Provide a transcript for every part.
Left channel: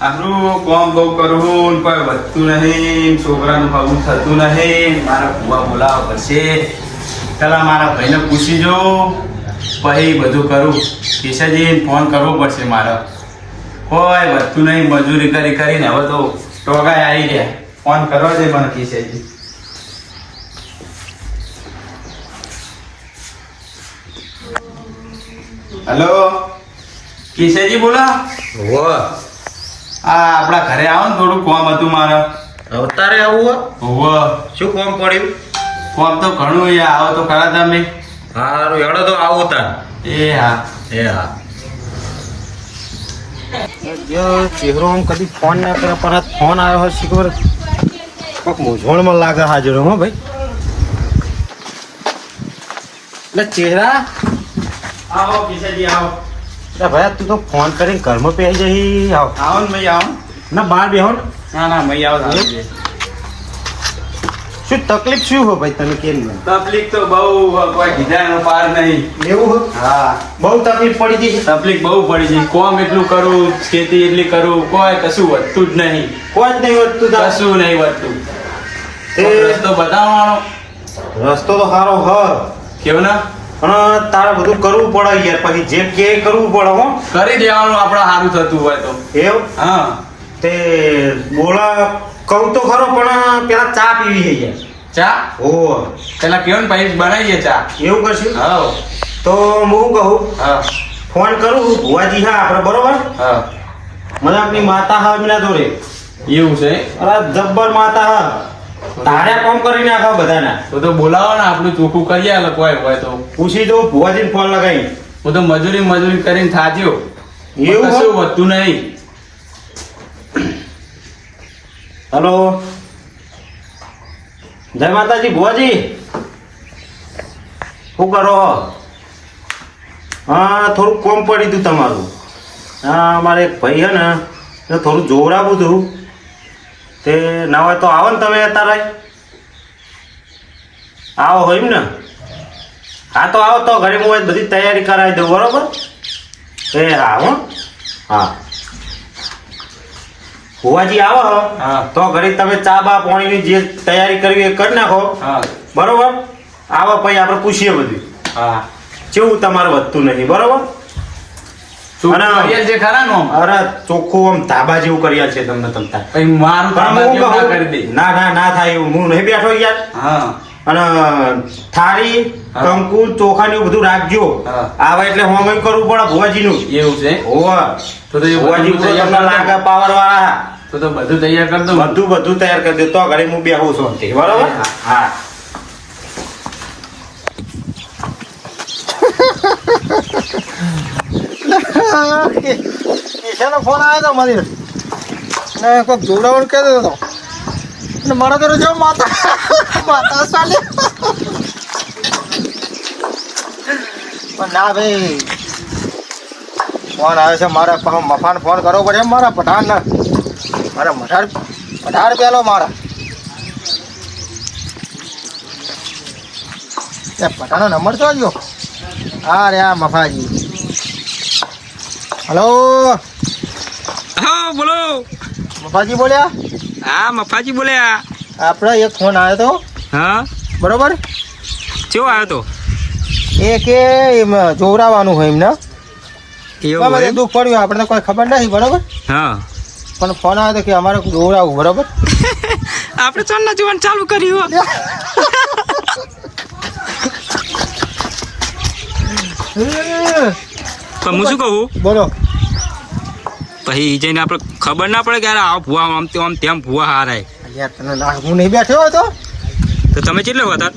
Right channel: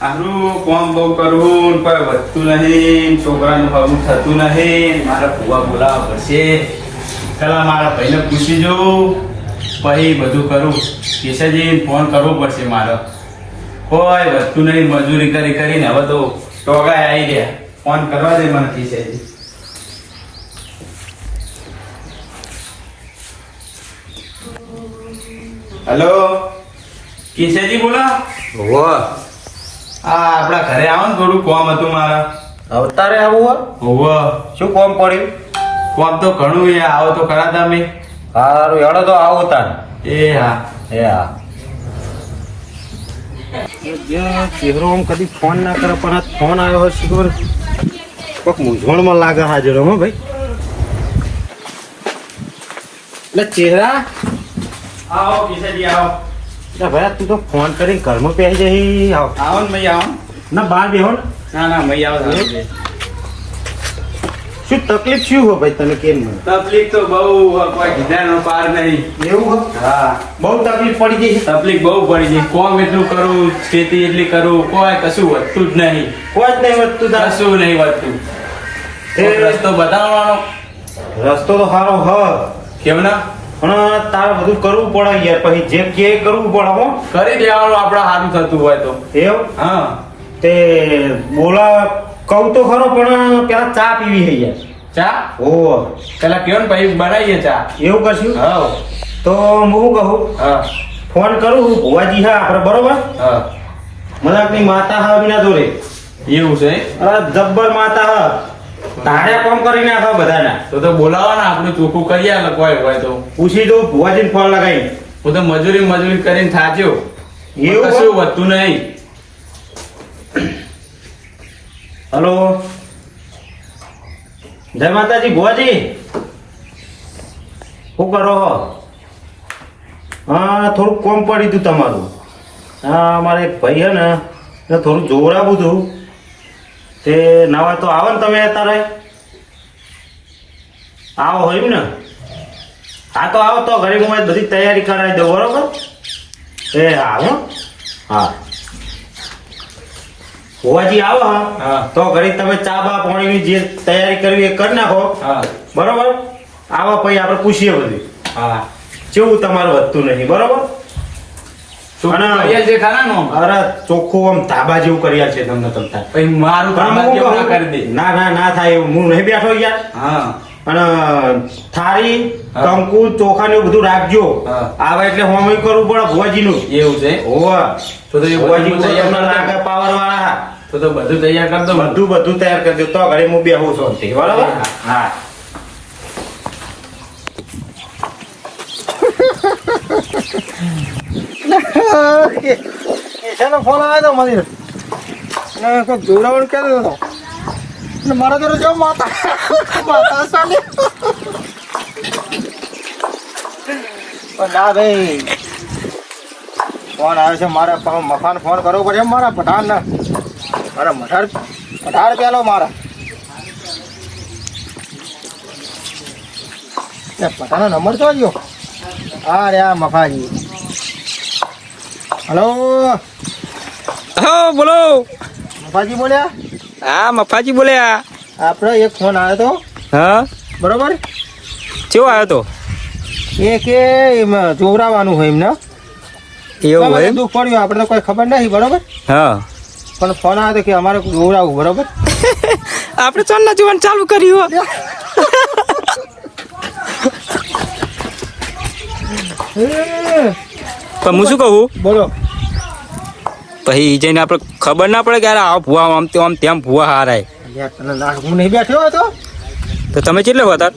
આપણું કોમ બહુ કરવું કોઈ વધતું નહીં, છોકરાનું હવું થતું નહીં. મારે ભૂવા બોલાવવા પડશે. પેલા મારા ભાઈને પૂછી જો, પછી બધું કરું. કિશનજીને ફોન કરવો પડશે મારે. કોઈ વધતું નહીં, મજૂરી કરી કરીને હવે તો ટોગાય આવી ગયા. ફોન કરવા દે મને કિશનજી. હેલો, કિશનજી બોલો. આપણા ઘરે આવો ને, થોડું કોમ હતું મારે. અવતારે આવું હોવે. શું કોમ પડ્યું? કોમ તો ઘણું એ આવો તો ખરા તમે. સારું હેડો તો આવો તાર. એ હા. એ હા. ચહેરો આમ કદી ફોન ના કરે પણ આ ફોન આવ્યો હોય ખબર કોઈક મૂંઝવણમાં લાગે હાજર હો ભાઈ. એટલે ચહેરા આવો કિશનજી આવો. એટલે ભાઈ તું તો ફોન કરીને ઘરમાં પહેરી જઈ આવો. આવો ને ભાઈ આવો. ના બહાર બેહો ને. ના ના ભાઈ આવો. શું તકલીફ શું હો ભાઈ તને કેમ નહીં? તકલીફ તો બહુ કોઈ કીધાનો પાર નહીં. એવું હો? હા, બહુ તકલીફ પડી ગઈ છે. તકલીફ બહુ પડી છે. કોમ એટલું કરું, ખેતી એટલી કરું, કોઈ કશું વધતું જ નહીં. કોઈ જ નહીં વધતું તાર. કશું નહીં વધતું. રસ્તો બતાવવાનો. રસ્તો તો સારો હ કેમ ના પણ તારે બધું કરવું પડે યાર. પછી જે કે કરવું પડે હો. કરી દેવાનું આપણે સારું થતું હોય તો. એવું હા તે બોલા કહું તો ખરો પણ પેલા ચા પીવી છે યાર. ચા ઓ પેલા કયો ને ભાઈ બનાવીએ ચા. એવું કરશું હા તો હું કહું હા ફોન કરું ભુવાજી હા આપણે બરોબર. હા મને આપણી માતા હા વિના દોરે એવું છે. અરે જબ્બર માતા હા તારે કામ કરી નાખો બધાના. તો બોલાવો ને, આપણું ચોખ્ખું કરી આલે. કોઈ હોય તો પૂછી દો ભુવાજીને ફોન લગાવી. હું તો મજૂરી કરીને થાચ્યો. એવું કશું વધતું નહીં. હલો જય માતાજી ભુવાજી શું કરો? હા થોડુંક કોમ પડ્યું હતું તમારું. હા અમારે એક ભાઈ છે ને એને થોડું જોવરાવું હતું તે ના હોય તો આવો ને તમે અત્યારે. આવો હોય ને? હા તો આવો તો ઘરે હું બધી તૈયારી કરાવી દઉં બરોબર. એ હા હો હા ભુવાજી આવો હા. તો ઘરે તમે ચા બા પાણીની જે તૈયારી કરવી એ કરી નાખો હા બરોબર. આવો પછી આપણે પૂછીએ બધું હા. કેવું તમારે વધતું નહીં બરોબર. અને જે ખરા નો અરે ચોખ્ખું આમ ધાબા જેવું કરી છે તમને તમતા. પછી મારું કામ જેવું ના કરી દે. ના ના ના થાય એવું હું નહીં બેઠો યાર. હા અને થાળી હા. કંકુ ચોખા ને બધું રાખજો. હા. આવે એટલે હોમ કરવું પડે ભુવાજીનું. એવું છે. ઓવા તો એ ભુવાજી બધું તૈયાર કરી દઉં. પાવર વાળા તો બધું તૈયાર કરી દઉં. બધું તૈયાર કરી દે તો ઘરે હું બેહું છું આમથી, બરોબર. હા કેશાનો ફોન આવ્યો તો મને કોઈક જોડાવાનું કહેતો હતો અને મારા તો જો માતા ચાલે પણ ના ભાઈ ફોન આવ્યો છે મારા મફાન ફોન કરવો પડે મારા પઠાણ મારા પઠાણ પેલો મારા પઠાણનો નંબર તો જો. હા રે આ મફાજી. હલો હા બોલો. મફાજી બોલ્યા? હા મફાજી બોલ્યા. આપણે એક ફોન આવ્યો તો હા બરોબર. કેવો આવ્યો તો? એ કે એમ જોવરાવાનું હોય એમને. એવું હોય? દુઃખ પડ્યું આપણે તો કોઈ ખબર નથી બરોબર. હા પણ ફોન આવ્યો તો કે અમારે જોવરાવું બરોબર. આપણે ચોરના જોવાનું ચાલુ કર્યું. પણ હું શું કહું બોલો. પછી જઈને આપણે ખબર ના પડે કે યાર આવો ભૂવા આમ તેમ ભૂવા હારાય. અલ્યા તને ના હું નહીં બેઠો હતો. તો તમે કેટલે હતા?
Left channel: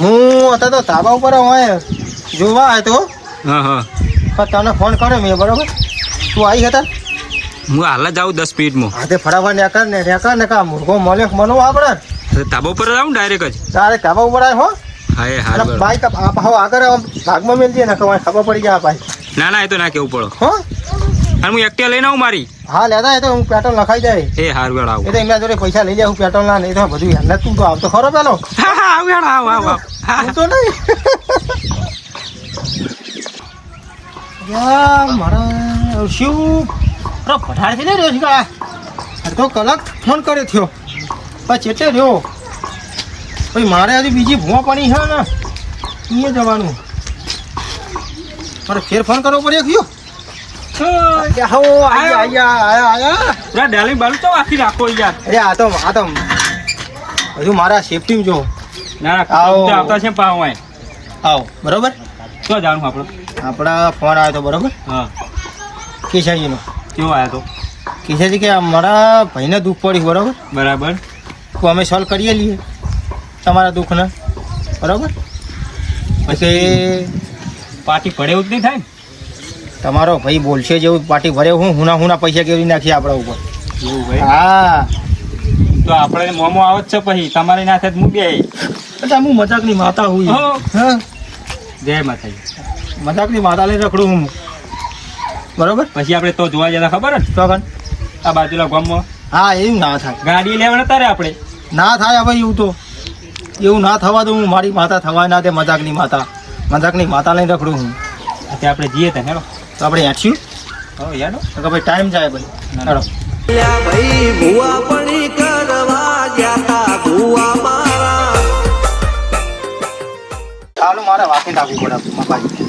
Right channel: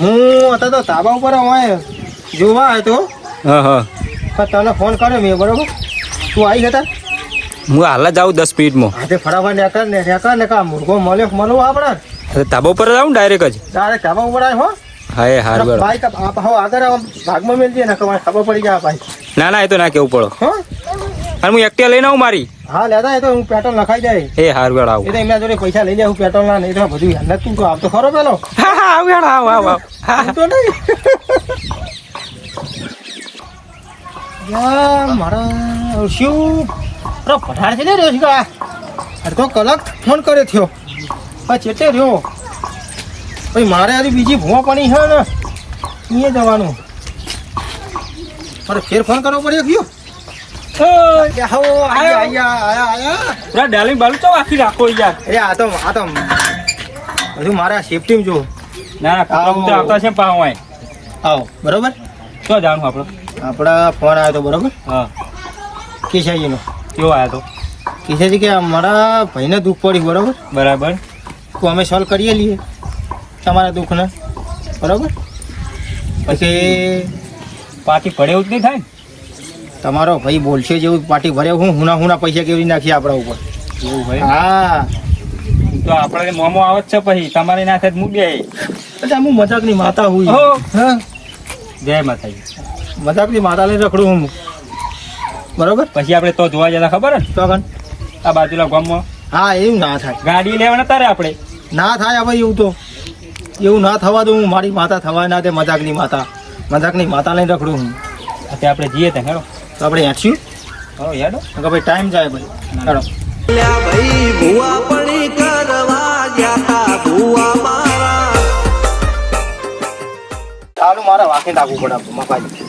હું હતા તો ધાબા ઉપર હોય જોવા આવ્યો તો હા હા પણ તને ફોન કર્યો મેં બરોબર. તું આવી હતા? હું હાલ જ આવું 10 મિનિટમાં. હા તે ફટાફટ નેકર ને કા મુર્ગો મળવો આપણે. ધાબા ઉપર જ આવું ડાયરેક્ટ જ. તારે ધાબા ઉપર આવ્યો હો. હા એ હાર બરો. બાઈક આગળ ભાગમાં મેળવી ને ખબર પડી જાય ભાઈ. ના ના એ તો ના કેવું પડો. હો અને હું એકટીવા લઈને આવું મારી. હા લેતા એ તો હું પેટ્રોલ નખાઈ જાય. એ હાર બરો આવું. એ તો એમના જોડે પૈસા લઈ જાય હું પેટ્રોલ ના નહીં તો બધું યાર તું તો આવતો ખરો પેલો. હા હા આવું આવ તો નહીં યાર મારા શું પઠાણ છે ને રોજગા અડધો કલાક ફોન કર્યો થયો પછી ચેતે રહ્યો પછી મારે હજી બીજી ભૂવા પાણી છે ને અહીંયા જવાનું મારે ફેર ફોન કરવો પડ્યો ગયો પૂરા ડાલી બાલુ તો આખી રાખો યાર. અરે આ તો હજુ મારા સેફટી જો ના ના આવો. તો આવતા છે પાવ હોય. આવો બરોબર શું જાણું આપણે? આપણા ફોન આવ્યો તો બરોબર હા કેશાજીનો કેવો આવ્યો તો? કેશાજી કે અમારા ભાઈને દુઃખ પડ્યું બરોબર બરાબર. તો અમે સોલ્વ કરીએ લઈએ તમારા દુઃખને બરોબર પછી પાર્ટી પડે એવું જ નહીં થાય ને? તમારો ભાઈ બોલશે જેવું પાર્ટી ભરે હુના પૈસા કેવી નાખીએ આપણા ઉપર એવું ભાઈ. હા તો આપણે મોમો આવે જ છે પછી તમારી ના થાય હું બે. એટલે હું મજાકની માતા હું ઓહો. હા જય માતાજી. મજાકની માતા લઈને રખડું હું બરોબર પછી આપણે તો જોવા જતા ખબર ને તો કન આ બાજુના ગામમાં હા એવું ના થાય ગાડી લેવાના તારે આપણે. ના થાય હવે એવું ના થવા દઉં હું મારી માતા થવા ના દે મજાકની માતા લઈને રખડું હું અત્યારે આપણે જઈએ ત્યાં હેડો. તો આપણે હેઠશું હો યાડો. તો કે ભાઈ ટાઈમ જાય ભાઈ ચાલો ભાઈ ભૂવા પડી કરવા જાતા ભૂવા મારા ચાલુ મારે વાંકી નાખવું પડે મપાજી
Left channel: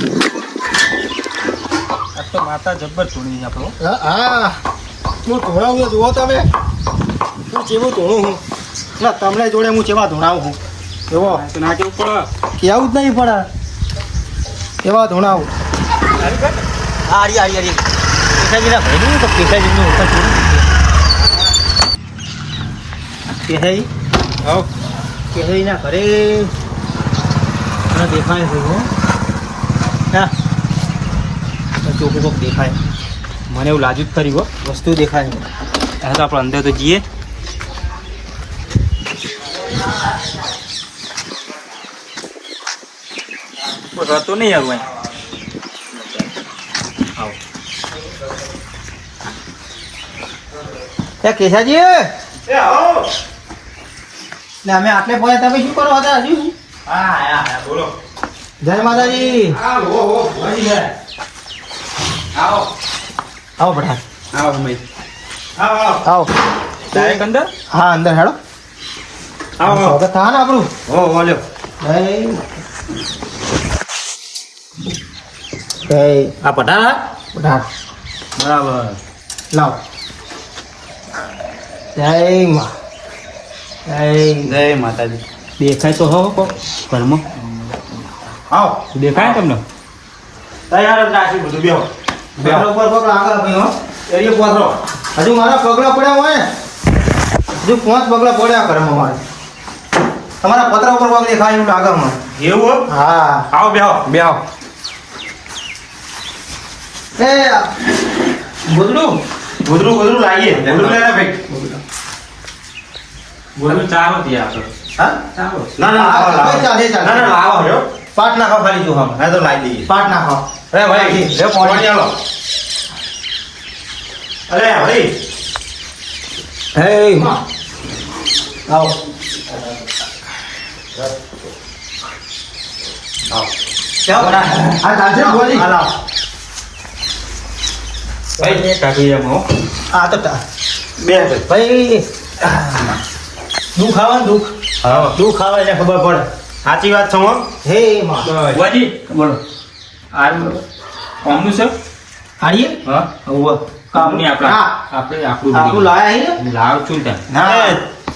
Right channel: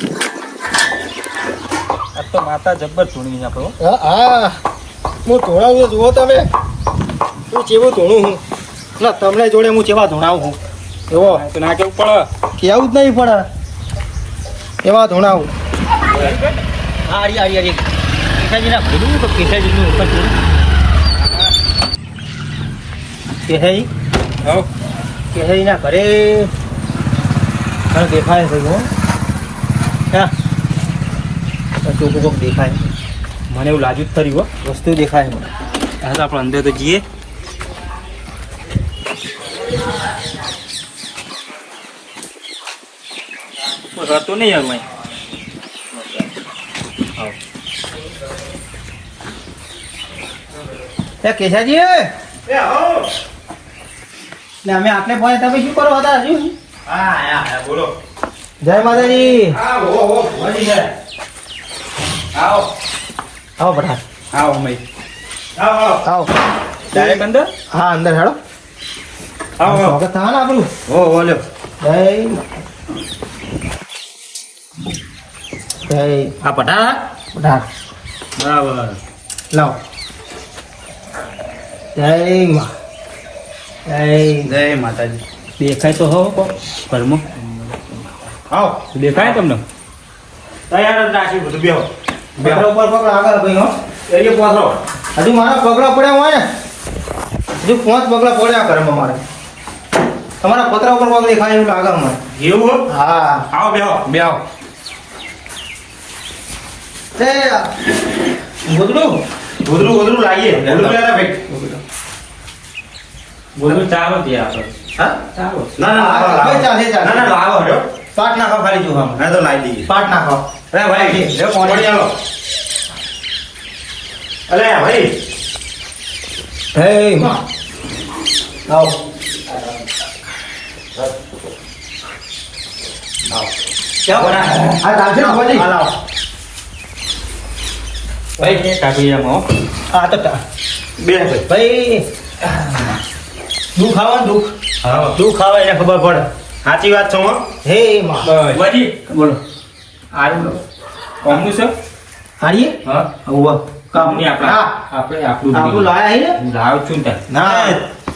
આ તો માતા જબ્બર ધૂણી આપણો. હા હું ધોણાવું જુઓ તમે હું ચેવું ધોણું હું ના તમને જોડે હું ચેવા ધોણાવું હું એવો તો ના કેવું પડે. એવું જ નહીં પડે એવા ધોણાવું હા કેસાજીના ઘરે તો કેસાજીની ઉપર થોડું કેસાજીના ઘરે મને દેખાય ભાઈ હો હા ચોખ્ખું કોક દેખાય મને એવું લાગ્યું જ ખરી હો. વસ્તુ દેખાય હા તો આપણે અંદર તો જઈએ. તો નહીં યાર ભાઈ. આવો. એ કેશાજી અમે આટલે પહોંચ્યા તમે શું કરો હતા હજુ હા બોલો. જય માતાજી આવો આવો ભટા આવો મય. આવો ડાયરેક્ટ અંદર. હા અંદર હેડો આવો સ્વાગત થા ને આપણું હો બોલ્યો. જય આ ભટા ભટા બરાબર. લાવ જય મા જય જય માતાજી. દેખાય તો હો ઘરમાં. આવો દેખાય તમને? તૈયાર જ રાખી બધું બેહો બેહો ઉપર પકડો આગળ ભાઈ હો એરિયો પહોંચો હજુ મારા પગલા પડ્યા હોય ને હજુ 5 પગલા પડ્યા ઘરમાં મારે તમારા પતરા ઉપર પગ દેખાય એવું લાગે મને એવું? હા આવો બેહો. બેહો એ ગોદરું લાવીએ ગોદરું લેલા ભાઈ બોલું ચાલો જ આપણે. હા ચાલો. ચાલે લાવો હો. પાટ નાખો ખાલી જો હા તો લાવી દઈએ. પાટ નાખો એ ભાઈ એ પાણી આલો. અરે ભાઈ હે આવો ક્યાં બના આ ચાલશે ને ભુવાજી? લાવો. ભાઈ કાઢી એમ હો. આ તો બે ભાઈ દુઃખ આવે ને હા. દુઃખ આવે એને ખબર પડે સાચી વાત છો હો. હે માં વાજી બોલો. આરું કોમનું છે? હાડીએ હા. ઉવા કામની આપણા. હા. આપણે આપણું આપણું લાયા હે ને લાવ છું ને. ના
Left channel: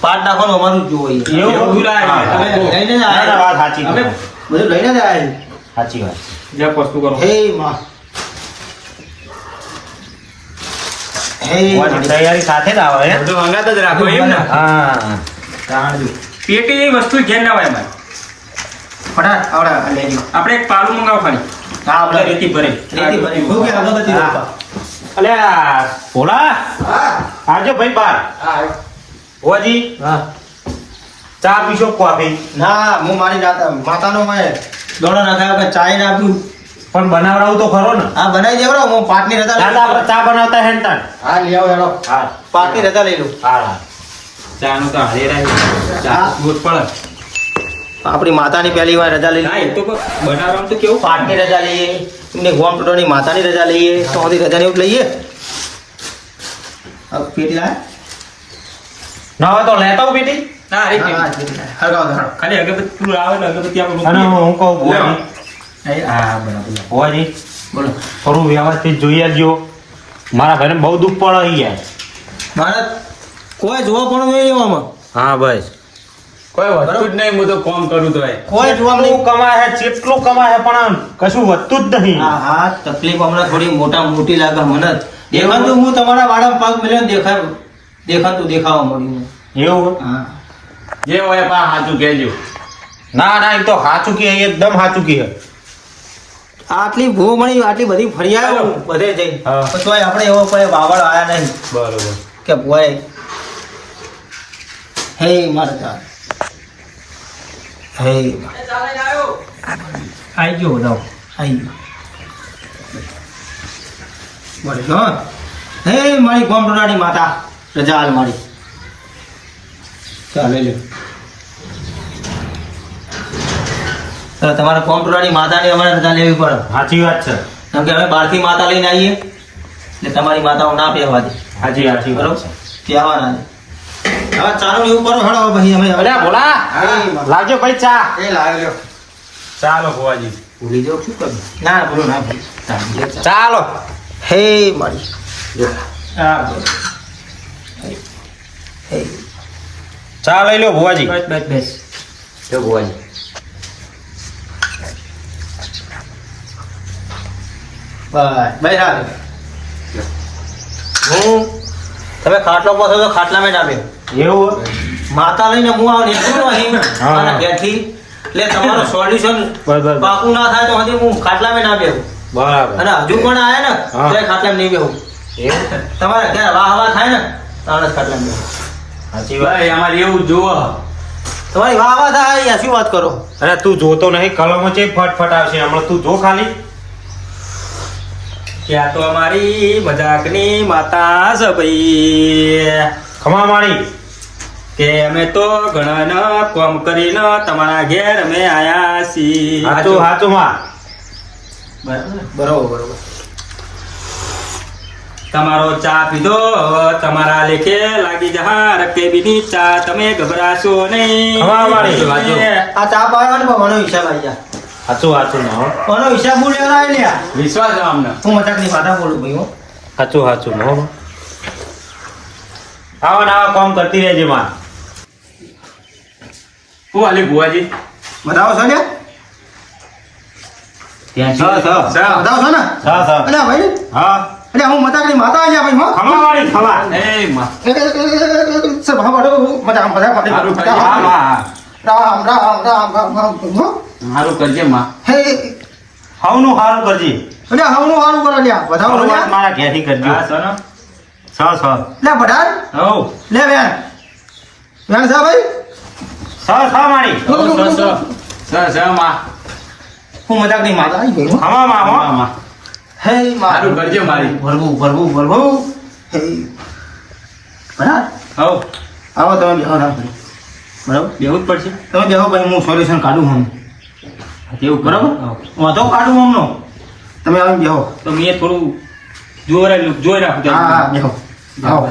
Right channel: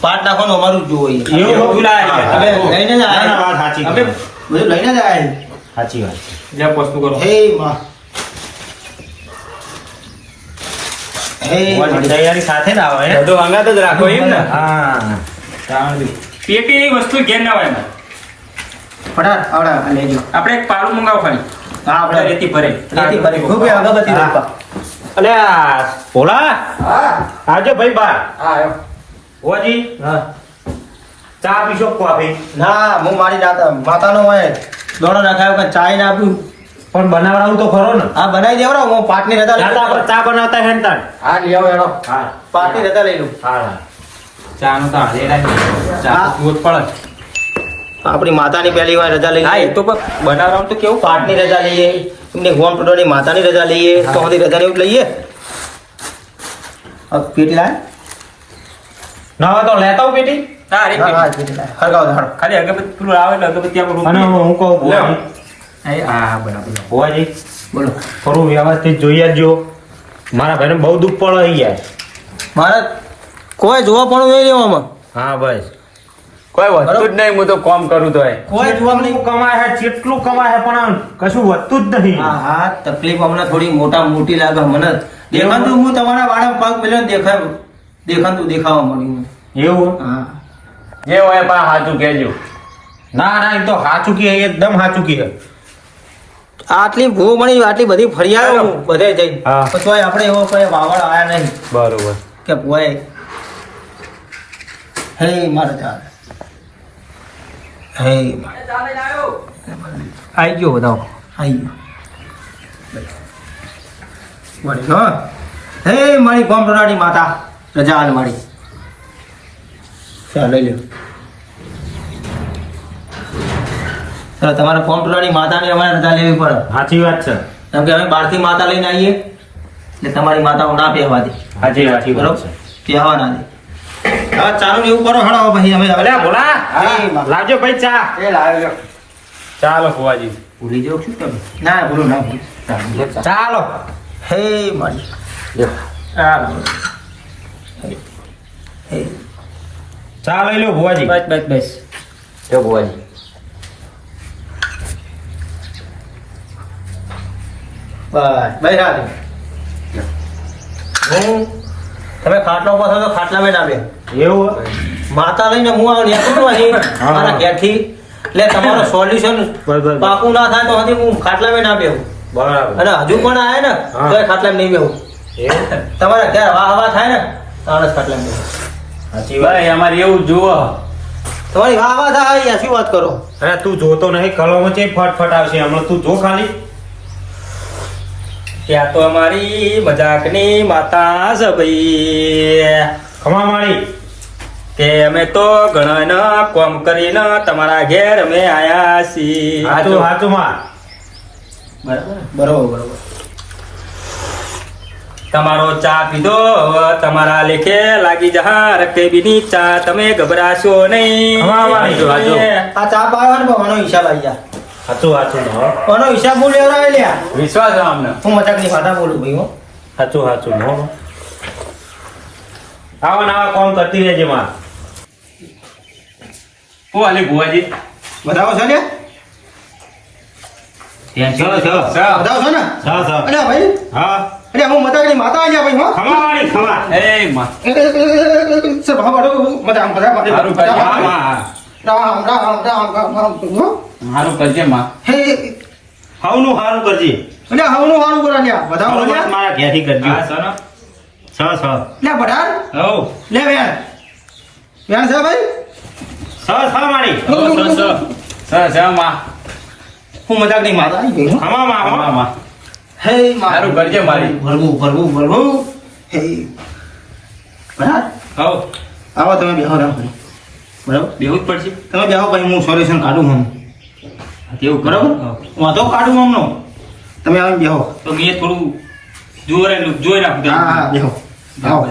પાટ નાખવાનું અમારું જ જોઈએ એવું લાયા છે. અમે લઈને જ આયા. ના, ના, વાત સાચી અમે છે. બધું લઈને જ આયા સાચી વાત. જ્યાં વસ્તુ કરો. હે માં હે તૈયારી સાથે જ આવે. બધું અંગાત જ રાખો એમ ને. હા. પેટી એ વસ્તુ ઘેર ના હોય અમારે. ફટાટ આવડા લેજો આપણે એક પાલું મંગાવો ખાલી. હા આપણે રેતી ભરે. રેતી ભરી ભૂખે અગરબત્તી રોપા અલે ભોલા હા આવજો ભાઈ બાર. હા હોજી હા ચા પીશો કોફી. ના હું મારી માતાનો હોય દોડો નાખાયો કે ચાય ના આપ્યું પણ બનાવરાવું તો ખરો ને. હા બનાવી દેવડાવ હું પાટની રજા લઈ આપણે ચા બનાવતા હે ને તાન. હા લેવો હેડો હા. પાટની રજા લઈ લઉં હા. ચા નો તો હારે રાહી. ચા હા. તો પીવો જ પડે. આપણી માતાની પહેલી વાર રજા લઈ હા એ લઈએ તો બનાવરાવું તો કેવું પાટની રજા લઈએ એમને ગોમ ટોટોની માતાની રજા લઈએ તો બધી રજાની એવું લઈએ પેટી લાય ના હોય તો લેતા આવું પેટી હા અરે હા હા પેટી લાય. હરગાવ દે, હળગાવ. ખાલી અગરબત્તી નું આવે એટલે અગરબત્તી આપણે અને રોકીએ. હું કહું ભુવાજી હા બરાબર ભુવાજી બોલો થોડું વ્યવસ્થિત જોઈ આવજો મારા ઘરે બહુ દુઃખ પડી જાય મારે કોઈ જોવા પણ નહીં એવામાં હા બસ કોઈ વસ્તુ જ નહીં, હું તો કામ કરું તો કોઈ જોવા નહીં કમાય છે જેટલું કમાય છે પણ કશું વધતું જ નહીં હા હા તકલીફ હમણાં થોડી મોટી લાગે મને દેખાતું હું તમારા વાળા પગ મિલ્યો ને દેખાતું દેખાવા મળ્યું એવું હા જે હોય પણ સાચું કહેજો. ના ના એ તો સાચું કે એકદમ સાચું કે આટલી ભૂ મળી આટલી બધી ફરી આવ્યો હું બધે જઈ હા. પછી આપણે એવો કોઈ વાવડ આયા નહીં બરોબર કે ભુવાએ હે મારે ચાલ હે આવી ગયો બતાવો આવી ગયો બોલે હા હે મારી ગોમટોનાની માતા રજા હાલ મારી ચાલ લઈ લ્યો તો તમારા કોમ્પ્યુટરની માતાની અમારે રજા લેવી પડે સાચી વાત છે કેમ કે અમે બહારથી માતા લઈને આવીએ એટલે તમારી માતાઓ ના પહેવા દે સાચી વાત બરોબર છે પહેવા ના દે હવે ચાલો ને એવું કરો હળો ભાઈ અમે હવે અલ્યા ભોલા લાવજો ભાઈ ચા એ લાવે લ્યો ચાલો ભુવાજી ભૂલી જાઉં છું તમે ના ભૂલો ના ભૂલો ચાલો ચાલો હે મારી ચાલો હે ચા લઈ લો ભુવાજી બસ બસ બસ જો ભુવાજી બસ ભાઈ રાખ હું તમે ખાટલો પહોંચો તો ખાટલામાં ના બે એવું માતા લઈને હું આવું નીકળું અહીં હા. મારા ઘેરથી એટલે તમારો સોલ્યુશન બરાબર. પાકું ના થાય તો હજી હું ખાટલામાં ના બેહું બરાબર અને હજુ પણ આવે ને હા. તો એ ખાટલામાં નહીં બેહું એવું છે? તમારા ઘેર વાહ હવા થાય ને તાણે જ ખાટલામાં બેહું સાચી વાત ભાઈ અમારે એવું જુઓ. તમારી વાહ હવા થાય યાર શું વાત કરો અરે તું જોતો નહીં કલમો છે ફટફટ આવશે હમણાં તું જો ખાલી ત્યાં તો અમારી મજાકની માતા છે ભાઈ ખમા મારી કે અમે તો ઘણા કોમ કરીને તમારા ઘેર અમે આયા છીએ સાચું સાચું માં બરોબર બરોબર તમારો ચા પીધો હવે તમારા લેખે લાગી જહા રકેબીની ચા તમે ગભરાશો નહીં હા, વાળી. હાચો. આ ચા પાવાનો ને આનો હિસાબ આવી જા સાચું સાચું માં આનો હિસાબ હું લેવડાવી લ્યા વિશ્વાસ છે અમને. હું મજાકની વાતા બોલું ભાઈ હું સાચું સાચું હો આવા ને આવા કામ કરતી રહેજે માં હું હાલી ભુવાજી બતાવો છો લ્યા બતાવો છો ને હા હા અલ્યા ભાઈ હા અલ્યા હું મજાકની માતા આવ્યા ભાઈ હું ખમા મારી ખમા એ માં સર ભાવ બાડો મજા મજા સારું કરજે માં, માં. રામ રામ રામ રામ રામ હું સારું કરજે માં. હે હવનું સારું કરજે અલ્યા હવનું હારું કરો લ્યા બતાવો બરોબર, લ્યા મારા ઘેરથી કરજો હા સનો છ લે બટાર હવ લે વેણ વેણ છે ભાઈ છ મારી સ માં. હું મજાકની માતા આવી ગઈ હું ખમા માં હો માં, માં. હે સારું કરજે મારી. ભરવું હે બરાબર હવ આવો તમે બેહો રામ કરી બરાબર બેવું જ પડશે તમે બેહો ભાઈ હું સોલ્યુશન કાઢું હું એવું બરાબર વાંધો કાઢું હમનો તમે આવી બેહો તો મેં થોડું જોઈ રાખું હા હા બેહો આવો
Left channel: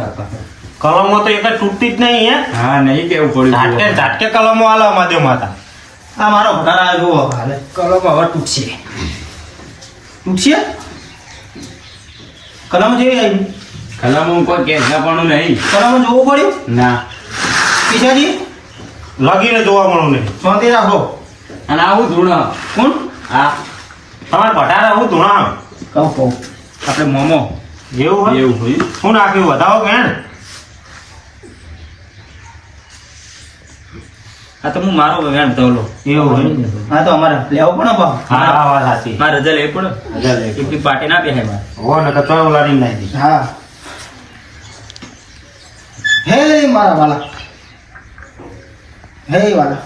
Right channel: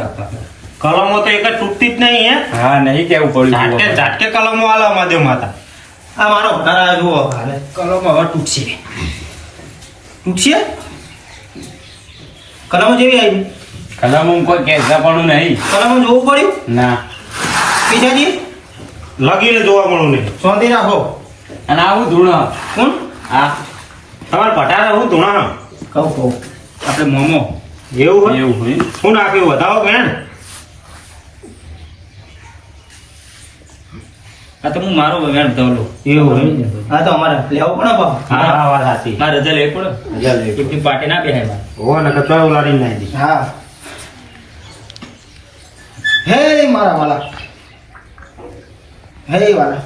કલમો તો એક જ તૂટતી જ નહીં હે હા નહીં કેવું પડ્યું ઝાટકે ઝાટકે કલમો આલા માજો માતા આ મારો ભટારા જુઓ હાલે કલમ હવે તૂટશે તૂટશે કલમ જેવી આવી કલમ કોઈ કેસાપણું નહીં. કલમ જોવું પડ્યું ના. કિશાજી લગીને જોવા મળું નહીં શાંતિ રાખો અને આવું ધૂણ કોણ આ તમારે ભટારા હું ધૂણા કહું આપણે મોમો એવું હોય એવું હોય. શું નાખ્યું વધાવો કે આ તો હું મારો વેણ ધોલો એવું હોય હા તો અમારે લેવો પડે બાપ હા વાત સાચી મારે રજા લેવી પડે જલ્દી એટલી પાર્ટી ના બેહાય મારે હો ને કચોય ઉલાડીને નાખી દી હા હે મારા વાલા હે વાલા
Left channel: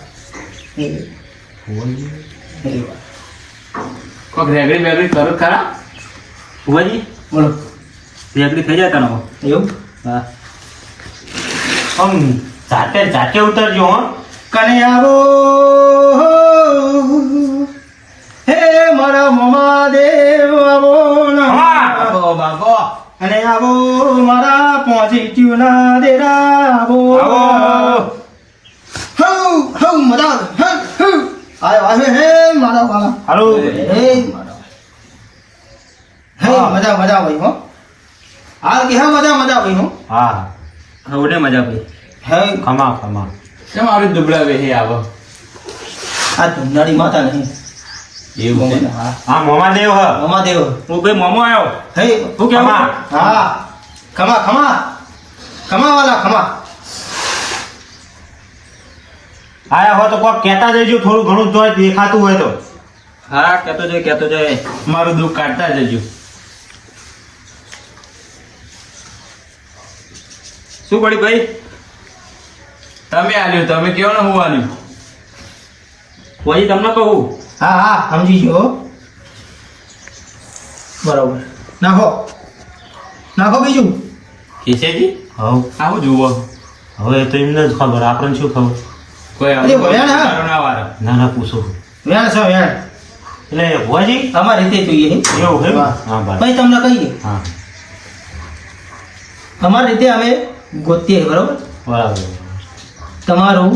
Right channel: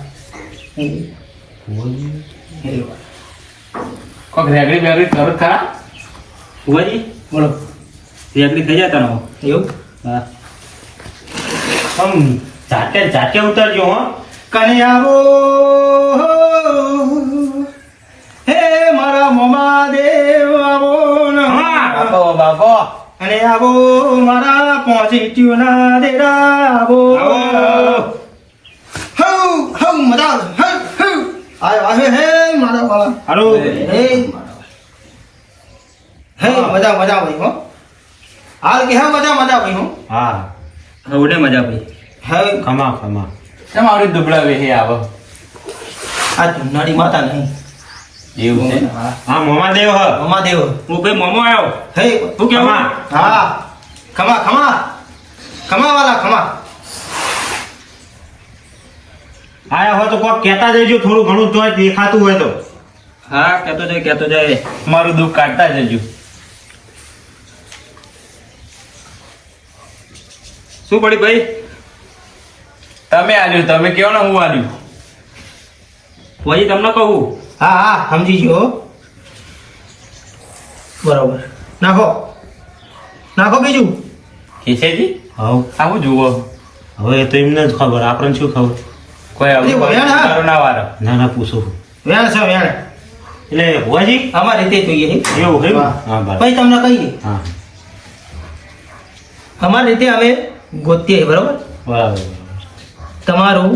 હે વાલા. કોક રેગડી બેગડી કરો જ ખરા. ભુવાજી બોલો રેગડી થઈ જતા નો એવું હા આમ જાતે જાતે ઉતરજો હો કનૈયારો હે મારા મમા દેવ બાપો બાપો અને આવો મારા પહોંચીટ્યુના દેરા આવો હઉ હઉ મજા આવે હઉ આયો આવે હે મારા વાલા હાલો હે મારા હે મજા મજા આવી હો હાલ કે હે મજા મજા આવી હો હા હવે મજા પડી હે ખમા ખમા કેમ આવડી દુબળા વેહે આવો આ ચુનાડી માતા નહીં એવું છે હા મોમા દેવ હ મમા દેવ હું ભાઈ મોમો આવ્યો હે શું કહેવા હા ખમા ખમા ખમા વાલા ખમા આયા હો તો કોક કહેતા જજો થોડું ઘણું તો દેખાતું હોય તો હા કહેતો જાય મારું દુઃખ કાઢતા જજો શું પડી ભાઈ તમે આલ્યું તમે કેવો ને હું આલ્યું પછી તમને કહું હા હા સમજી ગયો બરાબર નાખો નાખો બીજું કેશેજી હવ આવું જુઓ હવે એ તો એમને જ ખબર આપણને શું ખબર કોઈ એ ભયાન હા. મારો ના વારો ના ના પૂછો વેણ છે વેણ એટલે ભુવાજી અમારી રીતે જોઈએ હે. એવું હે હા. હા બરાબર પછી તમને કહીએ હા અમારી રીતે અમે ગોતીએ બરોબર બરાબર તમારું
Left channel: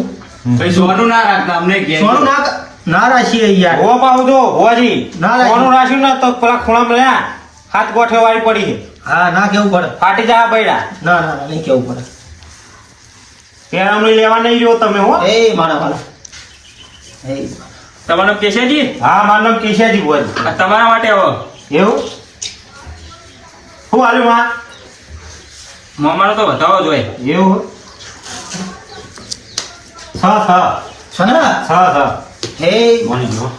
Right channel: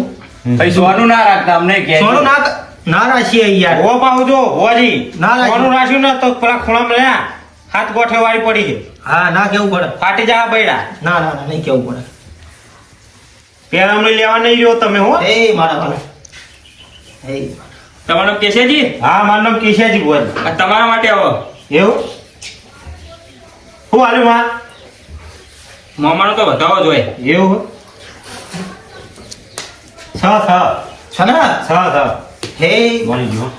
પછી સોનું ના રાખતા અમને કે સોનું ના ના રાખીએ યાર ઓ પાહુ જો ભુવાજી ના રાખી. કોનું રાખ્યું ને તો પેલા ખૂણામાં રહ્યા હાથ ગોઠે વાળી પડી છે હા ના કેવું પડે ફાટી જા બૈડા ના ના ના, નહીં કેવું પડે પેરામણી લેવા નહીં જો તમે હો એ મારા વાલા એ તમારું નામ કેશવજી હા મારું નામ કેશાજી ભુવાજી આ તમારા માટે આવો એવું શું હાલ્યું માં મોમાનો તો વધાવો જોઈએ એવું છ છે ને હે મળી ગયો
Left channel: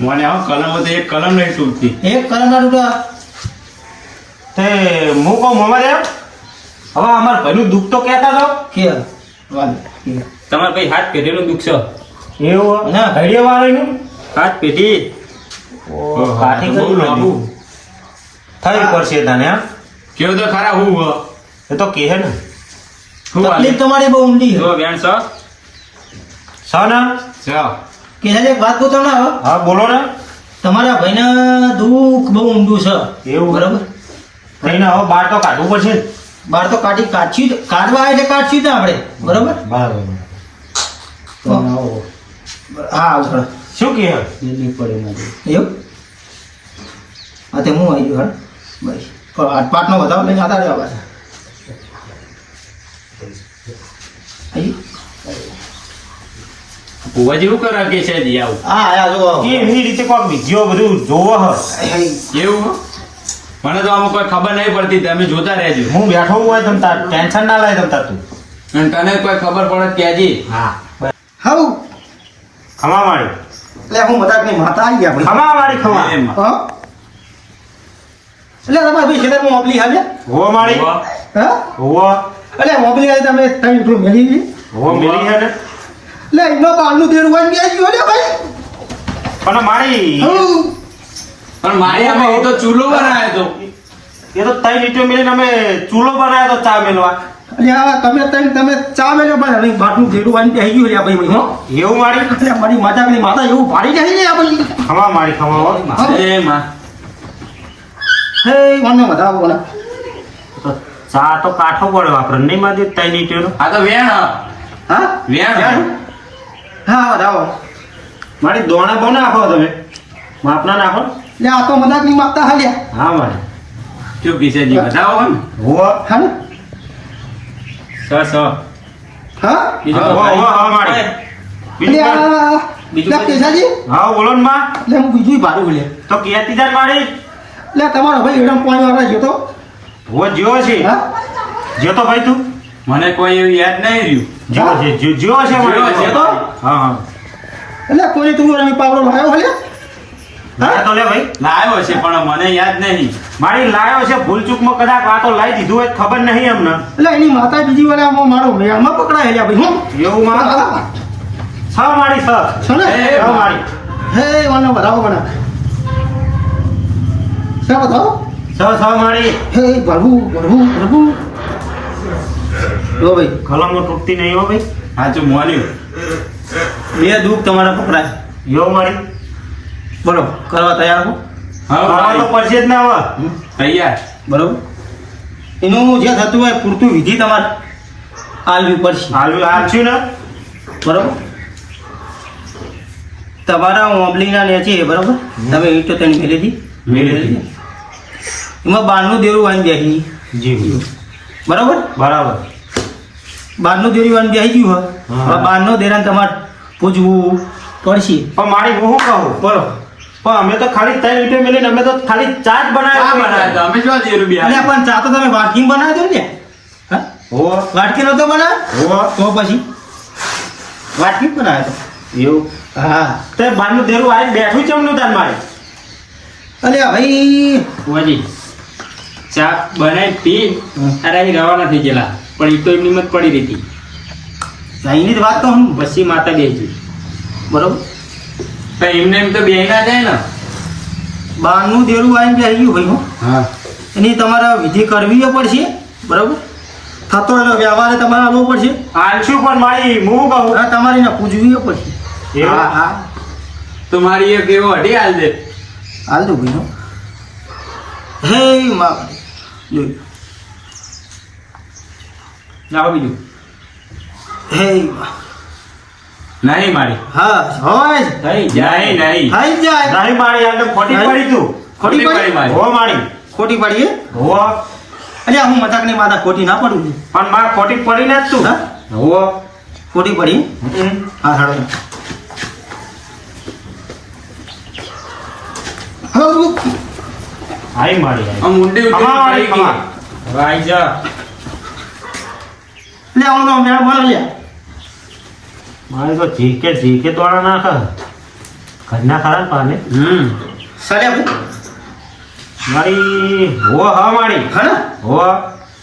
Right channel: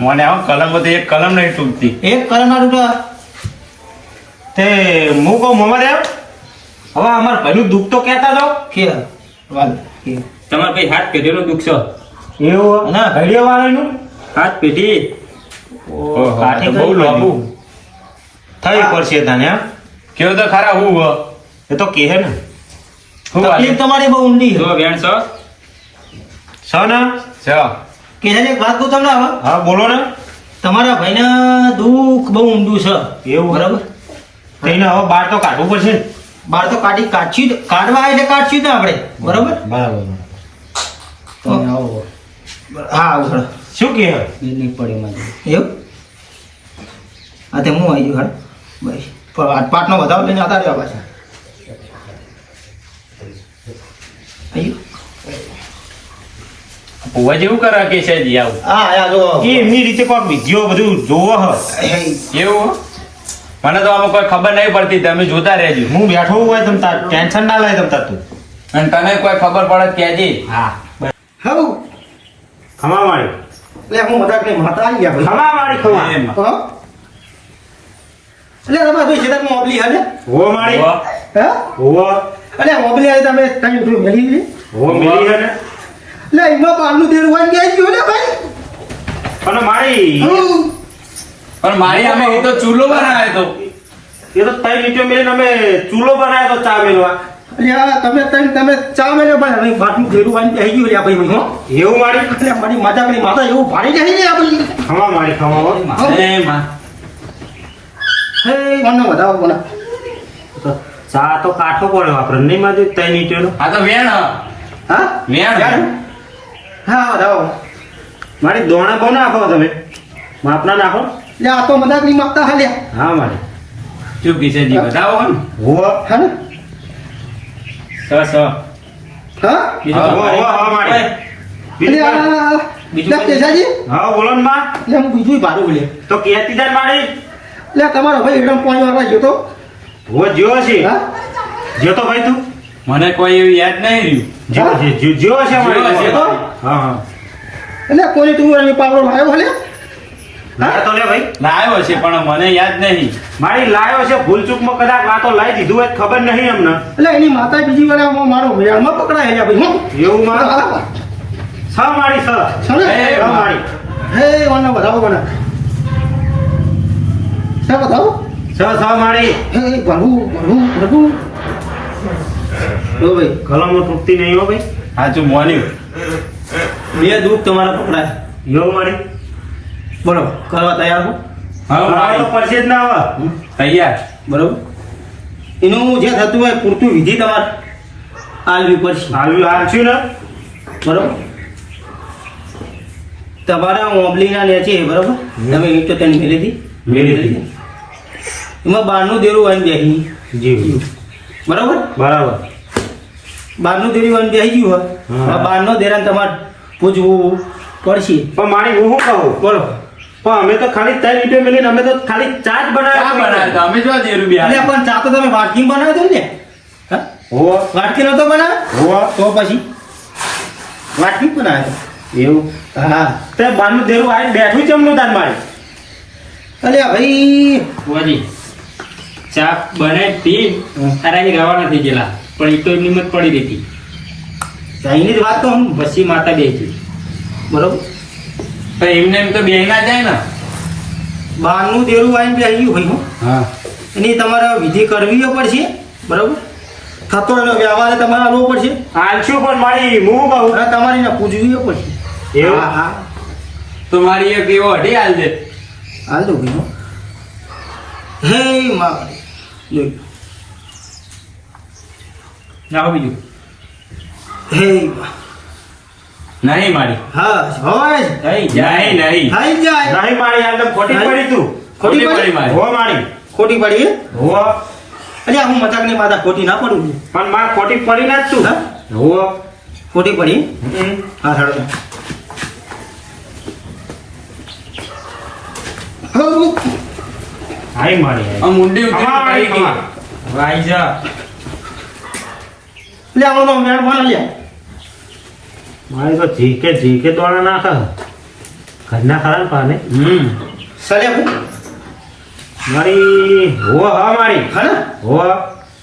મને આવો કલમ તો એક કલમ નહીં તૂટતી એક કલમના રૂપિયા તે હું કહું મોહમ્મદ હવે અમાર ભાઈનું દુઃખ તો કહેતા જાઓ કે વાલ કે તમારા ભાઈ હાથ પેઢીનું દુઃખ છે એવું ના. ઘડીએ વાળાનું હાથ પેઢી કાઠી બહુ કરી લાંબુ. બાબુ થઈ પડશે તને એમ કેવું તો ખરા હું હો એ તો કહે ને હું તકલીફ તમારી બહુ ઊંડી જો છે વેણ છો છ ને કે છે વાત કહું તમને હવે હા બોલો ને તમારા ભાઈને દુઃખ બહુ ઊંડું છે એવું બરાબર કઈને હવે બહાર તો કાઢવું પડશે ને બહાર તો કાઢશું જ. કાઢવા એટલે કાઢશું જ ને આપણે બરાબર બરાબર હા આવું પડે શું કહે નહીં પડે મારે એવું હા તે હું આવી ગયો હાલ ભાઈ પણ આટપાટનો વધારો લઈને જતા રહ્યા પાછા આવી ભુવા જેવું કરે કેશેજી આવું હા આ જો એ એમની રીતે કોઈક વિધિઓ બધું જોવો હ એવું હો? મને તો આમાં કોઈ ખબર નહીં પડતી તમે જોતા રહેજો હું બેઠો હોય તમ તાર ટેન્શન ના લાય તમ તાર તું અને તને કોઈ ખબર પડે તો કહેજે હા હાઉ ખમા વાળી એટલે હું મજાકની માતા આવી ગયા ભાઈ ખમા વાળી ખમા એમ. હા એટલે તમારે ભાઈ છેલ્લે મોબલી હાલે હો માળી હો. હા હો એટલે મોબલી હાલે તમે કઈ ઉઠું મેલી છે હો મિલી હે ને એટલે એનો પાલનું દેડ વાન ગયા ગયો લે ભાઈ પણ મારી હાઉ. પણ મારી આમે એ તો ચૂલો બનાવ્યો તો એ તો તઈ લીટો મેલીને અમે ચૂલો બનાવ્યો તો ચા મેલવા એટલે આ તમે ચા મેલે ભાઈ હવે બાટલું દેડું વાન બેહી ગયું લે ભાઈ ભાઈ હો એવું મારી એટલે મારી માતાની માતા એવું ભાડી જાય ને આ ભાઈ ખમા મારી ખમા હો એ માં હે મને વધાવો કોના તો ચા તો કાઠો પડ્યો આપણે નહીં મારી તઈ લીટો આ તો વેણ હ. હા વેણ હા વધાવો મારી દોણા બહુ નાખો તમે માપના નાખો એટલે આ તો મજાકની માગતા હાલ્યા હા મારી શું કેશેજી બતાવો ને હો હા ને સ હા બીજું હા, કોઈ હો, હો, મારી. એટલે આ બીજું લે કેસાજી હા બોલો ને માં એટલે હું બીજું ભાડું લે તો કહેતી તાર મારી એટલે તમારો ભાઈ એકદમ પાણી વાળા ગયો તો હો જ્યો છે હા જ્યો તો ભાઈ તું મને કોઈ એવું યાદ નહીં રહ્યું જ્યો છે જ્યો મારી છે. હા હા એટલે કોઈ તું રમી પાવડો આવ્યો હાલે લાયો તો લે ભાઈ લાવ્યો છે પણ મને યાદ નહીં મારી લાયો છે ભૂલચૂકમાં કદાચ વાતો લાવી દીધું હોય તો ખબર નહીં અમને એટલે એની માતા બીજી વાર આમાં મારો મેળમાં પકડાયેલા ભાઈ હું એવું માં છ મારી છ છે ને એ છ મારી હે મને વધાવો મને છે બતાવો છ મારી હે પ્રભુ પ્રભુ પ્રભુ લો ભાઈ કલમો તૂટતી નહીં હો ભાઈ સાચું મોન્યું બે દુઃખ તમારા પકડાય યો મારી બરોબર કરવા તૈયાર હું હા તો હા પડશે જ ના હવે તૈયાર બરોબર એનું જે થતું હોય પૂરતું વિધિ તમારે આલવી પડશે. હાલશું ને બરોબર તમારા ઓંબલીના લે છે બરોબર તમે ઈટ તો તને મેલી હતી એમાં બહારનું દેરું આવીને બેસી જી બરોબર બરાબર. બહારનું દેરું આવીને બેસી ગયું હોય હા. હવે બહારનો દેરાને તમારે પૂછવું પડશે. પણ મારી હું શું કહું બોલો પણ અમે તો ખાલી 3 ઈંટો મેલીને અમે તો ખાલી ચા જ ચા બનાવ્યો તો અમે જો દેરું બી એટલે પણ ચા તો તમે વાટકી બનાવી દો ને હા હો વાટકી નતો બનાવ્યો હો તો પછી વાટકી જ બનાવ્યો તો એવું હા તે બારનું દેરું આવીને બેઠું ચમનું તાર મારે અલ્યા ભાઈ બુઆજી ચા બનાવી પી તારા અહીં રવાના થઈ ગયેલા પણ એ તો એમની મત પડી રહી હતી ચાઈની જ વાત કહું પછી માતા બે હતી બરોબર પણ એમને એમ તો બે ના જાય ને. બહારનું દેરું આવીને બેસી ગયું ભાઈ હું હા એની તમારે વિધિ કરવી પડશે બરોબર થતો એનો વ્યવહાર તમારે આવવો પડશે હાલશું પણ મારી હું શું કહું અને તમારે એને પૂજવી પડશે એવું? હા હા તો મારી એક એવો અઢી હાલ દે. હાલ દો ભાઈ હો. હે માં જોઈ લો. જાઓ બીજું હે માં. નહીં મારી હા હોય જ. થઈ જાય નહીં નહીં થઈ જ જાય નહીં મારી આટલે ખોટી નહીં. પડી તું ખોટી પડી મારી. હો મારી ખોટી પડી હે? હો અલ્યા હું મજાકની માતા ખોટી ના પડું છું પણ માં ખોટી પડી ના જ તું હા હો ખોટી પડી હા હાલો હા હાઈ મારી આ મુંડી ઉતરી અમારી, પડી ગઈ. અમારી. વાઈ જા લે આવડો મેળ બના લે મારે તો જીકે દોડા નાખે ઘરના ખરા ને પાને સલ્યા ભાઈ મારી હો હા મારી હા ને હો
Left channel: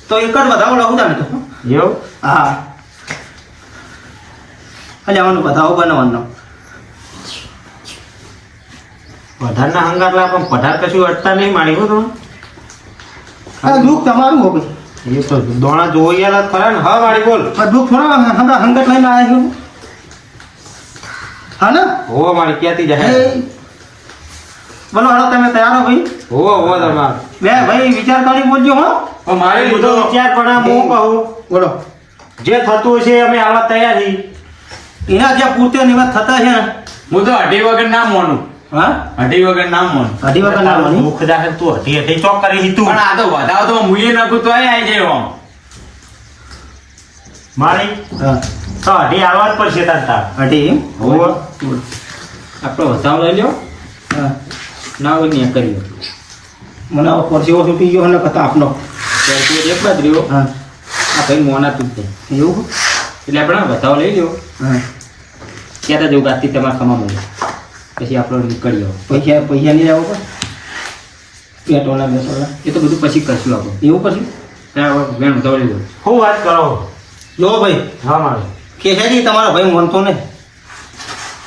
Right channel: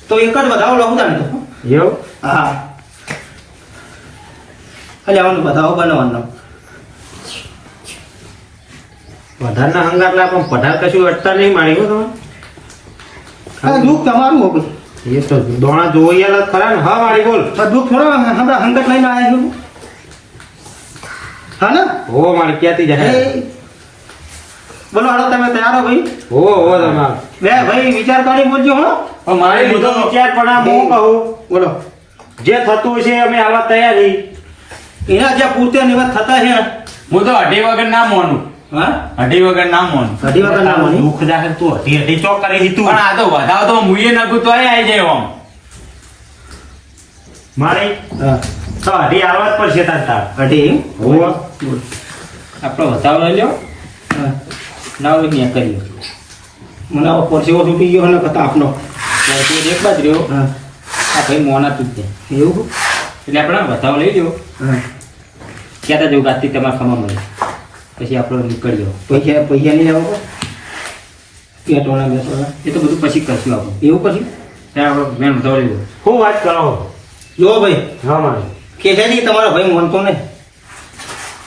તો એક જ વધાવો લઉં તાને તો એવું હા અલ્યા આવાનું વધાવો બનાવવાનો પઢારના હંગાર લા પણ પઢાર કશું અટતા નહીં મારી હો તો હા દુઃખ તમારું હો ભાઈ એ તો દોણા જોઈ આલા ખરા ને હા મારી બોલ પણ દુઃખ થોડા હમણાં હંગત લઈને આવ્યા છું હા ને હો મારી ક્યાંથી જાય એ, બોલો હાલો તમે તૈયાર હો ભાઈ હો તમાર બે ભાઈ વિચાર કરી બોલજો હો પણ મારી બધો લીધો વિચાર પણ આ હું કહું બોલો જે થતું હશે અમે આવા તૈયારી એના જે પૂરતે નિવત થતા છે ને હું તો અઢી વગર ના મોનું હા અઢી વગર ના મોનું અઢી વખત ના બોલી મુખ જાહેર તું હતી ચોક કરી તું પણ આ તો વધાવ તો મુએ નકું તો અહીં આવી જાય આમ. મારી હા તો અઢી આવવા જ પડશે તાર તાર અઢી એમ? હો બોલો આપણો વધાવ લઈ લ્યો હા ના હોય ત્યાં કરી લો મને આવો પરસેવો છૂટી ગયો ને કતા આપનો તો એક બાદ રહ્યો હા આ ભાઈ મોના તું છે એવું એટલે આપણે વધાવ લઈ લ્યો હા ક્યાં જવું ગાતી તમારે ખમા મળે પછી આપણો નીકળ્યો પૈસા નહીં લેવો પડે પેટોલા બેટોલા એ તો બધું પછી કરશું આપણે એવું પછી ત્યાં મેં વધાવ લઈ લો શું વાત કરો જો ભાઈ હા મારી કેસાજી તમારો ભાઈ માનતો નહીં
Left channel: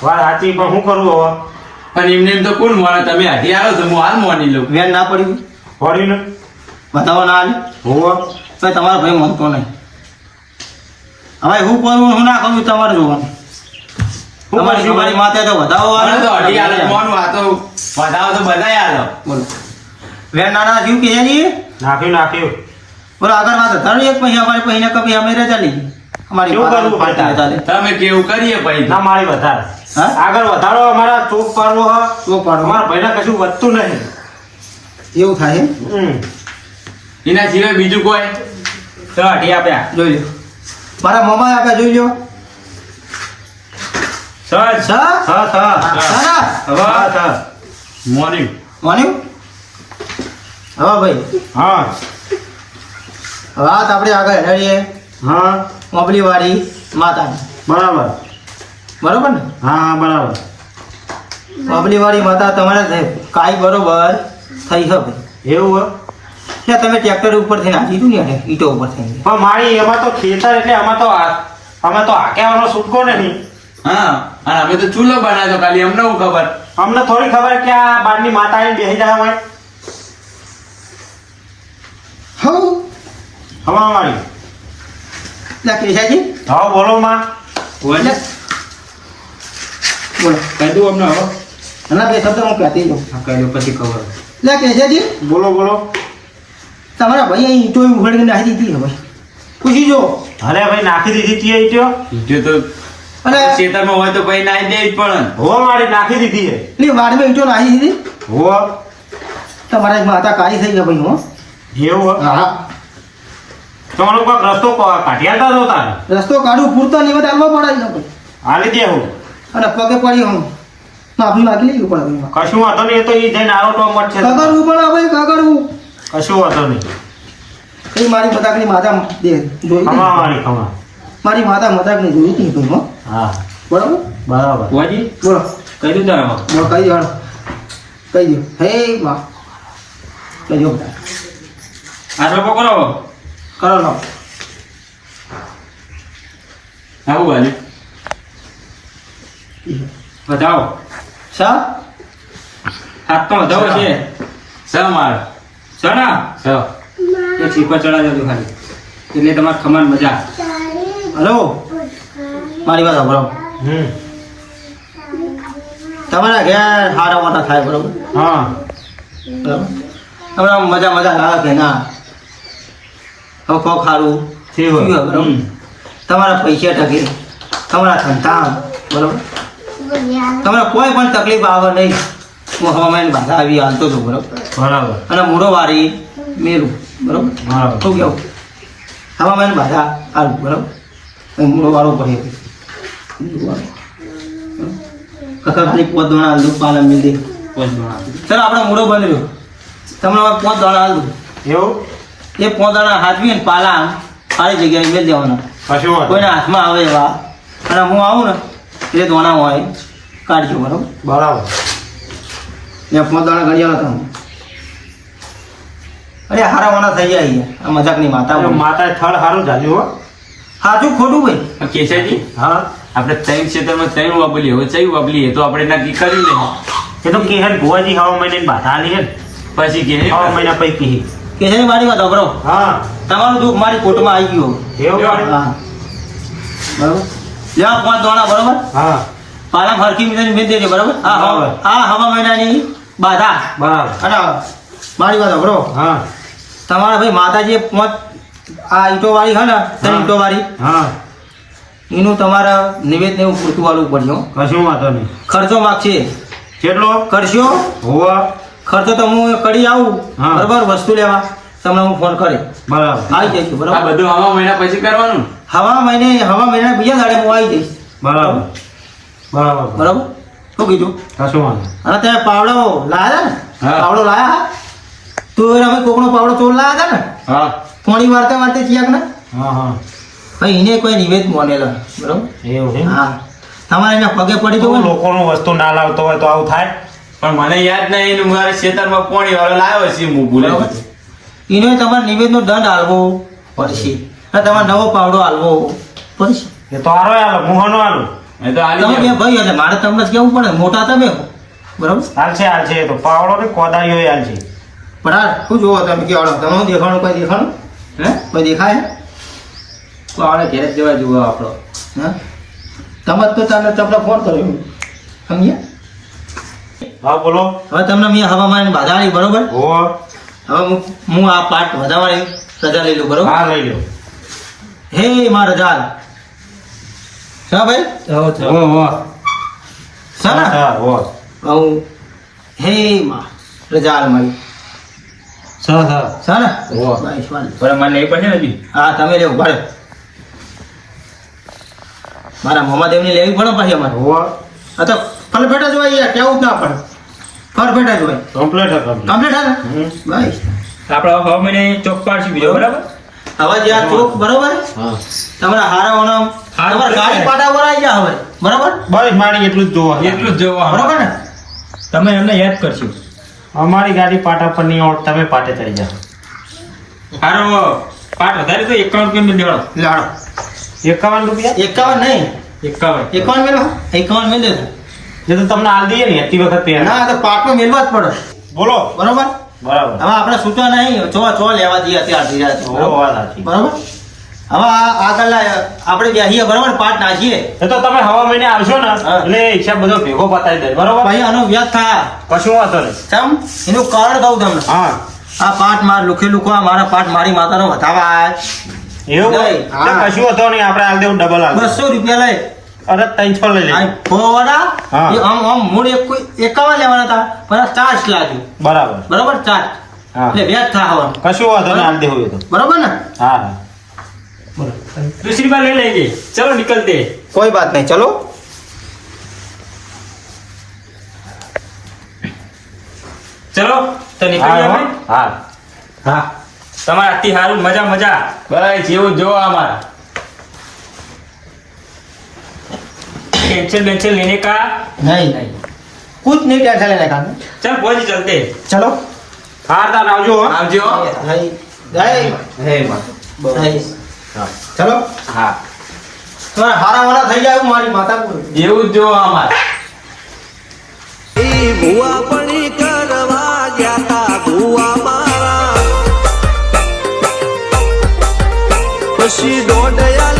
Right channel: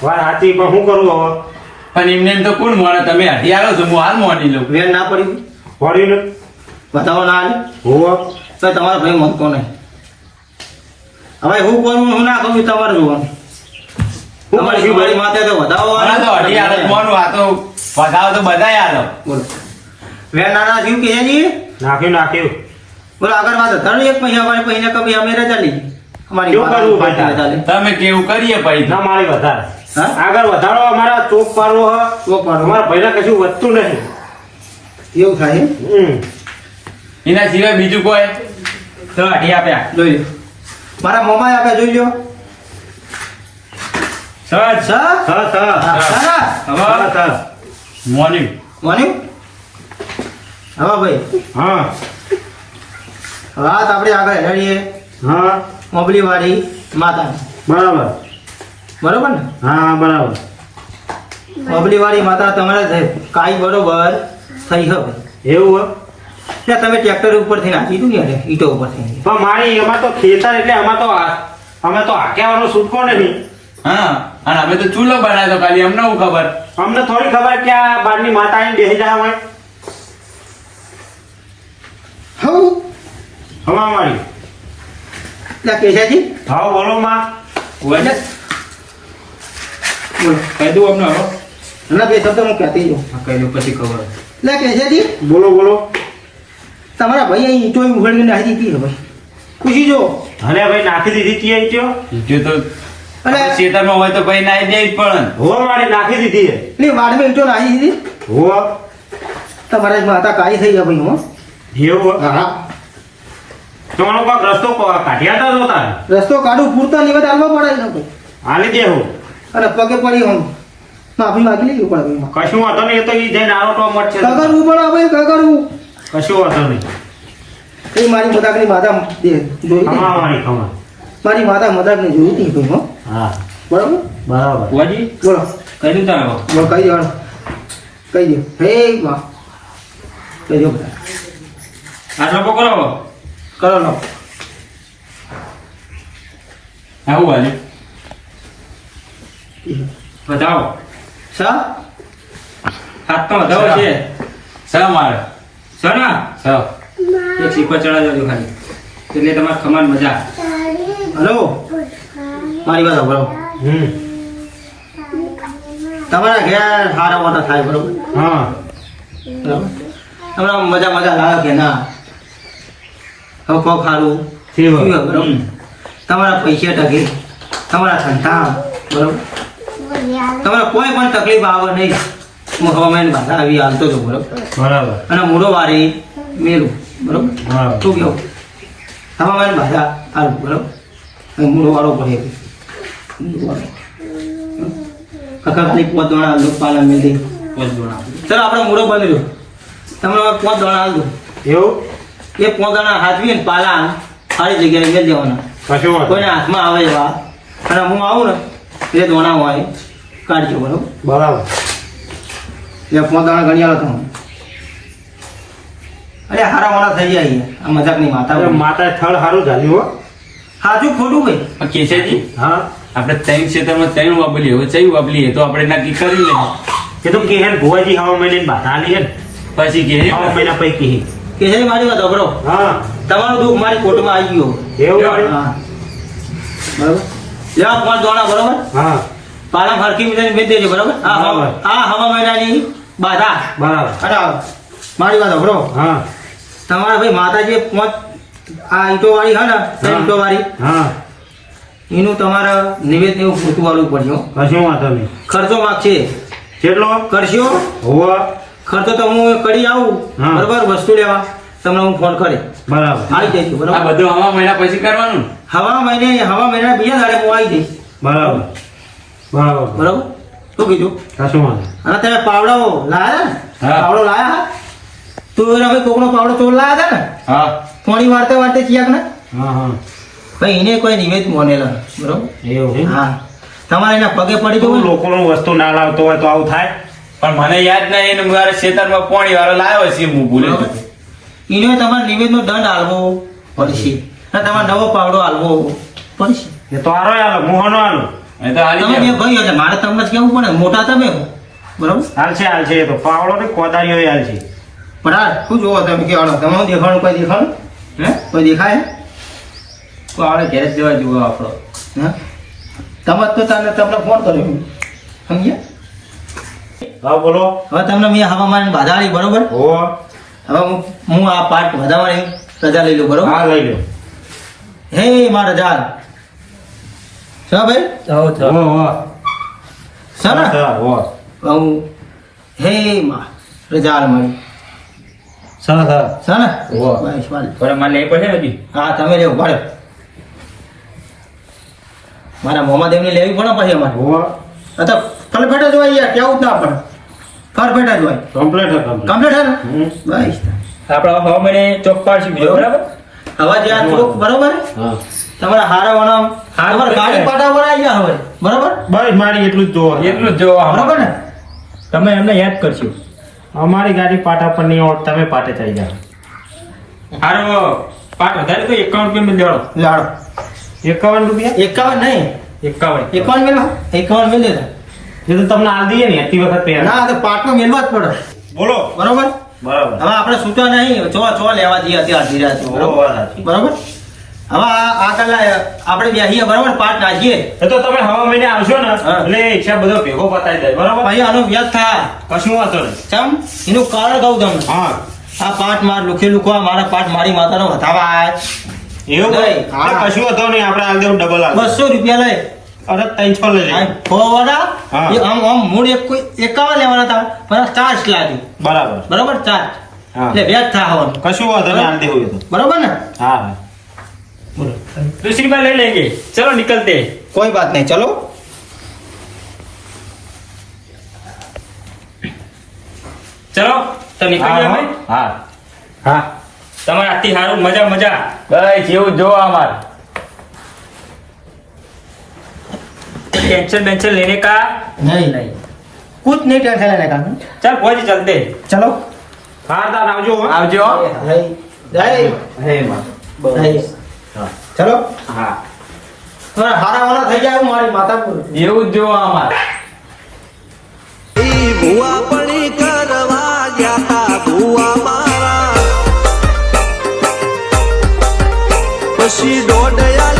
વાત સાચી પણ શું કરું હવે પણ એમને એમ તો કોણ મોને તમે અઢી આવો તો હું હાલ મોની લઉં. વેન ના પડી પડી ને બતાવો ના આવી હો તો તમારો ભાઈ માનતો નહીં હવે હું કરું હું ના કરું તમારે જોવાનું તમારી કરશું મારી માથે તો વધાવો મને તો અઢી આલો જ મોનું આ તો વધાવ તો બધાય આલો. બોલો વેન નાના થયું કેસાજી નાખ્યું બોલો આગળ વાત ધરું એક પૈસા અમારે પૈસા કપી અમે રે ચાલી અમારી શું કરવું પાર્ટી બેટા? ચાલે તમે કેવું કરીએ પછી ના મારી વધારે હા આગળ વધારો અમારા ચોક પાડવો હ ચોક પાડવો. અમારા ભાઈના કશું વધતું નહીં એવું થાય એમ? એના સિવાય બીજું કોઈ તો અઢી આપ્યા જોઈ લો મારા મોમાએ આપ્યા જોઈ લો સર સર હવે મોર્નિંગ માન્યું હા ભાઈ હા વાત આપણે આગળ હેડીએ હા મોબલી વાળી માતાની બરાબર બરોબર ને હા બરાબર મોબલી વાળી માતા તમારે કાંઈ બરોબર થઈ હવે એવું હે? ને તમે ટ્રેક્ટર ઉપરથી નાખી દીધું યાર ઈટો ઉપરથી પણ મારી એમાં તો ખેતર એટલે અમે તો હાકેવાનો છૂટકો નહીં હા અને અમે તો ચૂલો બનાવ્યો ખાલી અમને હું ખબર. અમને થોડી ખબર કે આ બારની માતા આવીને બેસી જાય હોય હવ હવા મારી ના કેશાજી હા બોલો માં બોલ બોલો કહી દઉં અમને હવે અને બે શબ્દ હું કહેતી જાઉં હા કહી દઉં પછી ખબર લે કેશાજી બોલો તમારા ભાઈ અહીં ઈંટો ઉઘાડીને નાખી દીધી હવે પૂછી જો અરે ભાઈ નાખી દીધી તી ઈટ્યો ઈટ્યો તો અને ખેતરમાં હોય તો ભાઈ નાઈ દે જ પણ હો મારી નાખી દીધી હે. એટલે વાડમાં ઈંટો નાખી દીધી હો તમારા માતા કાળી થઈ ગયા ભાઈ હો એવું હે? હા તમારો કાંક રસ્તો કાઢ્યા હતા તો તારે રસ્તો કાઢું પૂરતા નિવેદ આલવા પડે ને ભાઈ હાલી દે હું અને પગે પડી હું માફી માગી લઈ પડે ભાઈ કશું વાંધો નહીં એ તો ઈ જઈને આરોટો મત છે કગડવું પડે ભાઈ કગડવું કશું વાંધો નહીં એ મારી મજાકની માતા જોઈ હતી. ખમા મારી ખમા મારી માતા મજાકની જોઈ હતી ભાઈ હો હા બરાબર બરાબર ભુવાજી બોલો કહી દઉં તારા બોલો કહી દો કહી દો હે માં કહી દો બધા આ લોકો કરો કરો લો આવું વાલી બતાવો સા હાથ તો વધાવો છે સ મારે સના સ એક સિક્કો ચડાવી દઉં ખાલી એટલે તમારે ખમાન મજા હલો મારી વાત સાંભળો હમ તમારા ઘેર હારા મોટા થાય બરોબર હા બરાબર તમારા મજા મજા લાવે કે ના હવે કોક સારું ઠીક હોય. થયું બરોબર તમારા પૈસા ટકે તમારા ધંધા બરોબર તમારે કોઈ પણ તકલીફ આવે નહીં હું હવામાન બાધા આવી હાલતો છું બરોબર બરાબર અને મૂળો વારી મેલું બરોબર બરાબર શું કેવું હવામાન બાધા હાલું બરોબર અહીં મૂળો વાળો પડે કાકા ખાલી પોત દોણા હાલ દો પાલા મિલ દે ચાલો આપણે મૂળો બની લો તમને પોત દોણા હાલ દો એવું એ પોત દોણા હાથવી ને પાલા સારી જગ્યાએ મેળ દેવાના કશું વાંધો કોઈને હાથમાં આવે એવા અને હું આવું ને એટલે દોણા હોય કાઢજો બરોબર બરાબર એ પોત દોણા ગણ્યા તમે અરે હારા મારા થઈ જાય આ મજાકની માતા અરે માતા થળ સારું ચાલ્યું હો સાચું ખોટું ભાઈ પણ કેશાજી હા આપણે ત્રણ ક્ષેત્રમાં ત્રણ વાપરીએ હવે ચઈ વાપરીએ તો આપણે નક્કી કર્યું ને એ તો કે હે ભુવાજી હવા મહિને બાધા આલી છે ને પછી કે હવા મહિના પૈકી કે છે મારી વાત અભરો હા તમારું દુઃખ મારી કોર્ટમાં આવી ગયું એવું વાળી? હા બરોબર લ્યા પાંચ દોણા બરોબર હા પાલા ફરકી મિલન બેન દેજે બરોબર બરાબર. આ હવા મહિનાની બાધા બરાબર અને મારી વાત અભરો હા તમારા ભાઈ માતાજી પાંચ આ ઈંટો વાળી હે ને તે હા. ઈંટો વાળી હા એનું તમારે નિવેદ એવું પૂરતું વાળવું પડશે હો. કશું વાંધો નહીં ખર્ચો માગશે કેટલો કરશો હોવા ખર્ચો તો હું કરી આવું હા. બરોબર વસ્તુ લેવા તમને હું ફોન કરી બરાબર આવી જઈશું આ બરોબર બધું આવા મહિના પછી કરવાનું ને? હવા મહિના બીજા દાડે હું આવી જઈશ બરાબર બરાબર બરાબર શું કીધું કશું વાંધો અને ત્યાં પાવડો લાયા ને હા. પાવડો લાયા હા તું ભાઈ કોકનો પાવડો તો લાયા હતા ને હા થોડી વારતે ચિયાક ને હા હા ભાઈ એને કોઈ નિવેદ મોનેલા બરોબર એવું છે હા તમારે એના પગે પડી તો તો લોકોનું વસ્તુ ના લાવતો હોય તો આવું થાય પણ મને યાદ નહીં ને મારા ખેતરમાં પાણી વાળો લાવ્યો છે હું ભૂલે ગયો. એને તમારે નિવેદનો દંડ આલવો પડશે અને તમારે નવો પાવડો આલવો પડશે એ તો આરો આલો મોહનો આલો એ તો હાલી તમે બે જાય. ભાઈ એટલે મારે તમને જ કેવું પડે મોટા તમે બરોબર હાલશે એ તો પાવડો ને કોદાળીઓ હાલશે પણ આ શું જોવો તમે કે આવો તમે દેખાણું કોઈ દેખાણું હે કોઈ દેખાય તો આપણે ઘેર જ જવા જુઓ આપણો હા તમે તો તમને ફોન કર્યો સમજ્યા હા બોલો હવે તમને મેં હવામાન બાધા આવી બરોબર હો હવે હું આ પાર્ટ વધારવાની રજા લઈ લઉં બરોબર હા લઈ લો હે માં રજા શા ભાઈ હો હો શા ના હો હું હે માં રજા હાલ મારી શા ને હો. બસ વાલી. થોડા માલ લેવી પડશે ને હજી હા તમે લેવું ભાડે મારા મોમાદેવની લેવી પડે પછી અમારે હો તો ફલફેટા જ હોય યાર કેવું જ ના પડે ફરફેટા જ હોય કમ્પ્લીટ હતો કમ્પ્લીટ હે ને હમ. બસ આપણે હવા મહિને ચોક પાડશું બીજો બરાબર હવે જ્યાં ચોક બરોબર હા તમારા હારાવાના હારું તમારા ગાડી થઈ પાટા પર આવી ગયા હવે બરોબર બસ મારી એટલું જ જોવો એટલું જ જોવા બરોબર ને તમે એમને યાદ કરશો અમારી ગાડી પાટા પર નહીં આવડ તમે પાટે ચડી જાઓ હારો પાટ વધારે તો 51 રૂપિયા મિલ દેવાનો લાડો 51 રૂપિયા 51 નહીં 51 51 મેલો 51 મેલ દેજો એ તો તમને આલ દઈએ ને એટલી વખત પહેલા ના તો પાટમાં મેલવા જ પડે બોલો બરોબર બરાબર હવે આપણે સૂતા નહીં ચો લેવા દઈએ અત્યારે ધીરા છો બરોબર વાત સાચી. બરોબર હવે આ કલા આપણે બેસીએ બરોબર પાટ નાખીએ એ તો તમે હવા મહિને આવશો ને હા. એટલે હિસાબ બધો ભેગો પતાવી દે બરોબર પછી આનો વ્યાજ થા કશું વાંધો નહીં ચમ એનું કારણ કહું તમને હા આ પાઠ માર લુખે લુખો આ મારા પાઠ મારી માતાનો વધાવા આય એવું નહીં. તો કશું હતો નહીં આપણે હાલ દેવું ડબલ હાલ 200 રૂપિયા લઈ અરે 300 લઈ લે આ ફોવાડા હા. એ આમ મૂળ એક કોઈ 51 લેવાના હતા પણ આ ચાર્જ લાગી બરાબર બરાબર ચાર્જ હા. એટલે વ્યાજ થાવાનું કશું વાંધો નહીં હાલ દેવું એ તો બરાબર ને હા હા બોલો दूसरी बार ले लेंगे चलो निकलते हैं। કોઈ બાત નહીં ચલો चलो तो निकल હા, गया હા. मैं હા હા તમારે આથી હારું મજા મજા બસ એવું જો અમારે टेंशन वेंशन लेने का નહીં નહીં कुछ नहीं टेंशन लेने का चल पहुंच चलते हैं। चलो હા તાર આવજો હો. આવજો नहीं नहीं હે માં नहीं चलो હા तुम्हारा हारा वाला થઈ જાય એવું મારી માતા બોલે એવું જ જો અમારે ઈ ભૂવા પણી કરવા ગયા તા ભૂવા મારા પછી દોડયા